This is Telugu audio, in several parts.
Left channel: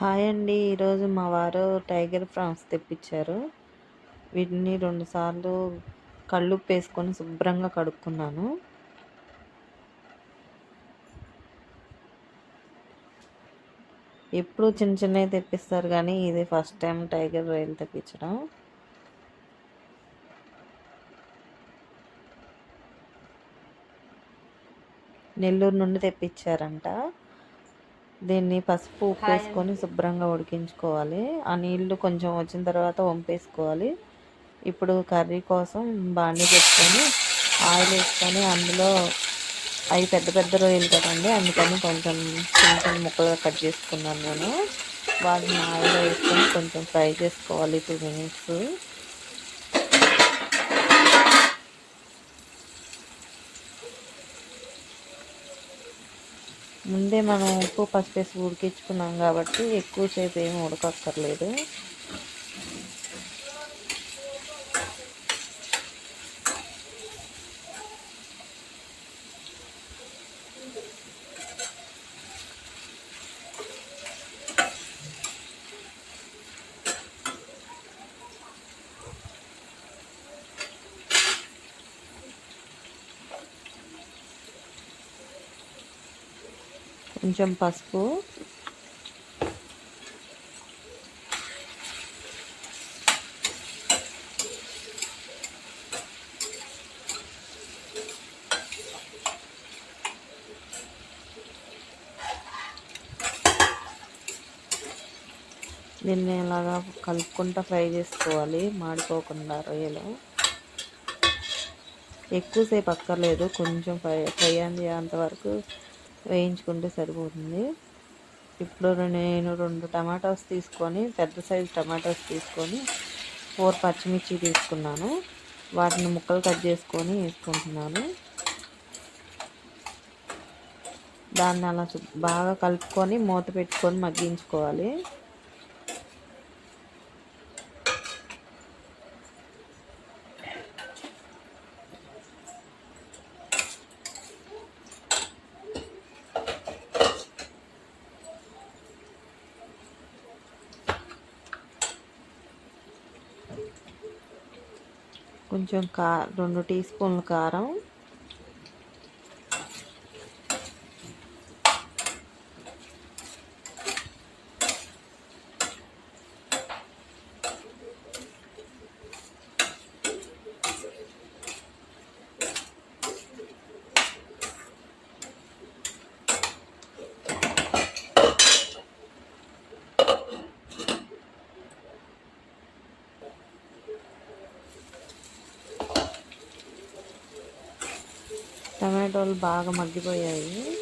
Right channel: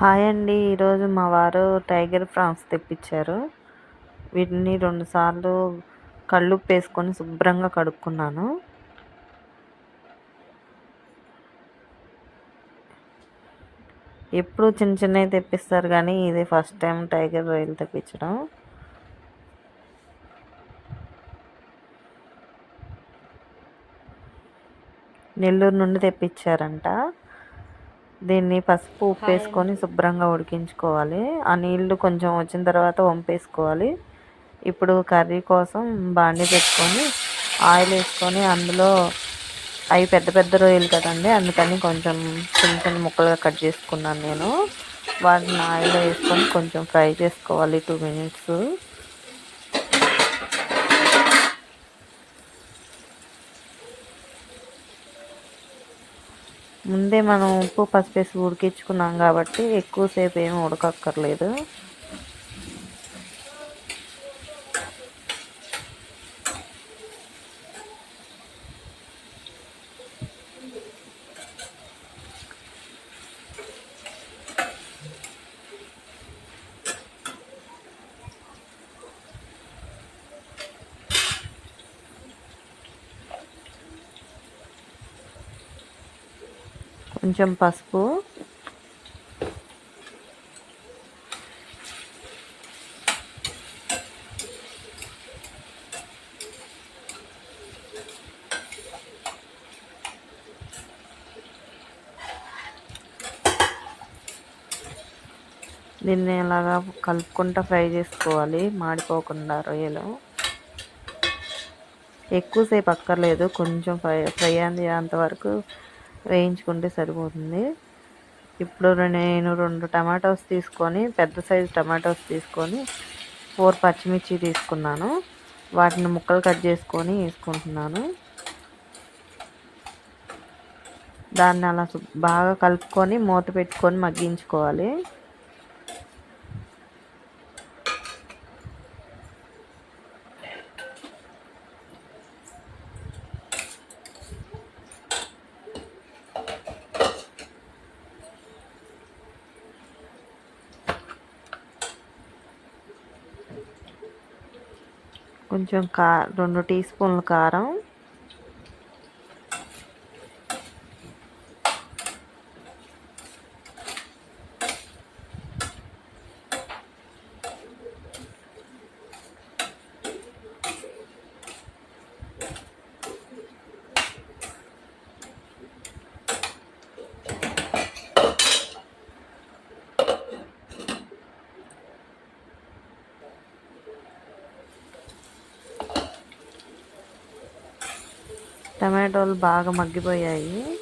హాయ్ అండి. ఈరోజు మా వారు టైగర్ ఫ్రాన్స్ తెప్పించారు. వీటిని రెండుసార్లు కళ్ళుప్పు వేసుకొని శుభ్రంగా కడుక్కున్నాను. ఎప్పుడు చిన్న చిన్నవి తెప్పిస్తారు కానీ ఇది ఫస్ట్ టైం టైగర్ రైలు తెప్పించడం. నెల్లూరు నుండి తెప్పించారంట. దీన్ని పసుపు ఉప్పు వేసుకొని శుభ్రంగా ఉడికించుకోవాలి. ఆ నీళ్ళు కొంచెం వచ్చిన తర్వాత వంపేసుకోవాలి. ఇప్పుడు కర్రీ కోసం బాండి పెట్టుకొని ఆయిల్ వేసుకొని అందులో అవి పెద్ద పెద్ద రొయ్యలు కదండి అందుకని కొంచెం చిన్న చిన్న ముక్కలుగా కట్ చేసుకున్నాను నేను. వాటిని ఆయిల్ వేసుకొని కొంచెం ఫ్రై చేసుకోవాలి. టూ మినిట్స్ ముందే మనం ఉప్పు పసుపు వేసి ఉడికించుకున్నాం కాబట్టి ఎక్కువసేపు ఏమి ఉడకక్కర్లేదు. కొంచెం పసుపు. దీన్ని ఇలాగా కలుపుకుంటూ ఫ్రై చేసుకోవాలి మాడిపోకుండా రొయ్యలు. ఎక్కువసేపు అక్కర్లేదు కొంచెం ఫ్రై ఫ్రై అంతవరకు వేయించుకుంటే సరిపోతుంది. ఇప్పుడు నేను రెండు టమాటోస్ తీసుకొని పెద్ద సైజు టమాటోస్ తీసుకొని ఫోర్ పచ్చిమిర్చి తీసుకున్నాను. వాటిని ముక్కలు కట్ చేసుకొని వేసుకుంటున్నాను. దాన్ని అలా బాగా కలుపుకొని మూత పెట్టుకొని మగ్గించుకోవాలి. కొంచెం కా రెండు టీ స్పూన్ల కారం. టమాటోలు బాగా మగ్గిపోయాయి.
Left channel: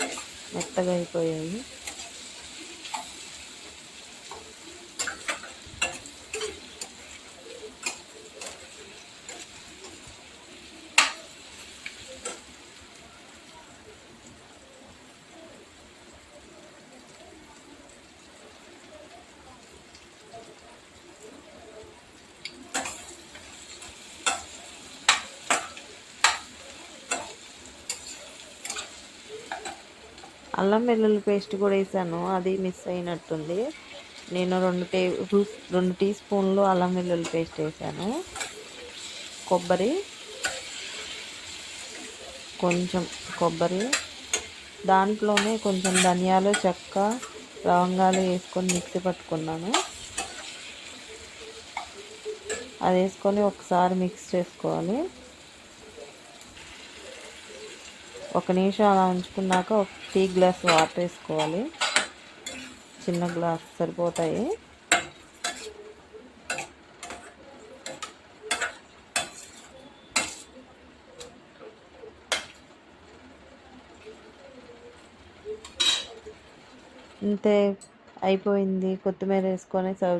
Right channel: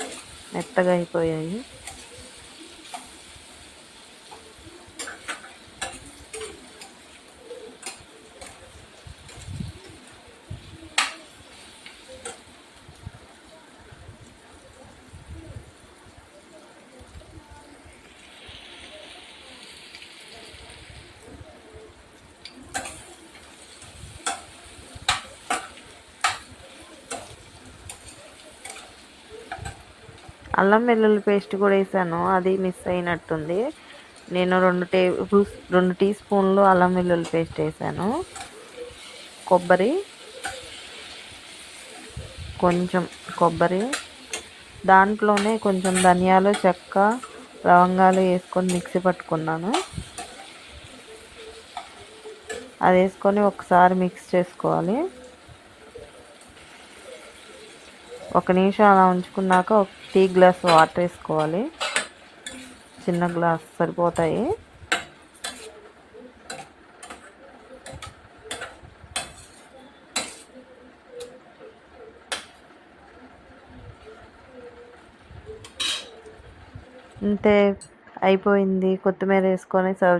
మెత్తగా అయిపోయాయి. అల్లం వెల్లుల్లి పేస్ట్ కూడా వేసాను అది మిస్ అయినట్టుంది. నేను రెండు టేబుల్ రెండు టీ స్పూన్లు అల్లం వెల్లుల్లి పేస్ట్ వేసాను. కొబ్బరి కొంచెం కొబ్బరి దాంట్లోనే కొంచెం ధనియాలు చెక్క లవంగాలు వేసుకొని మిక్సీ పట్టుకున్నాను. అది వేసుకొని ఒకసారి మిక్స్ చేసుకోవాలి. ఒక నిమిషం అలా ఉంచుకున్నాక ఒక టీ గ్లాస్ వాటర్ వేసుకోవాలి. చిన్న గ్లాస్ సరిపోతాయి. అంతే అయిపోయింది. కొత్తిమీర వేసుకొని సర్వ్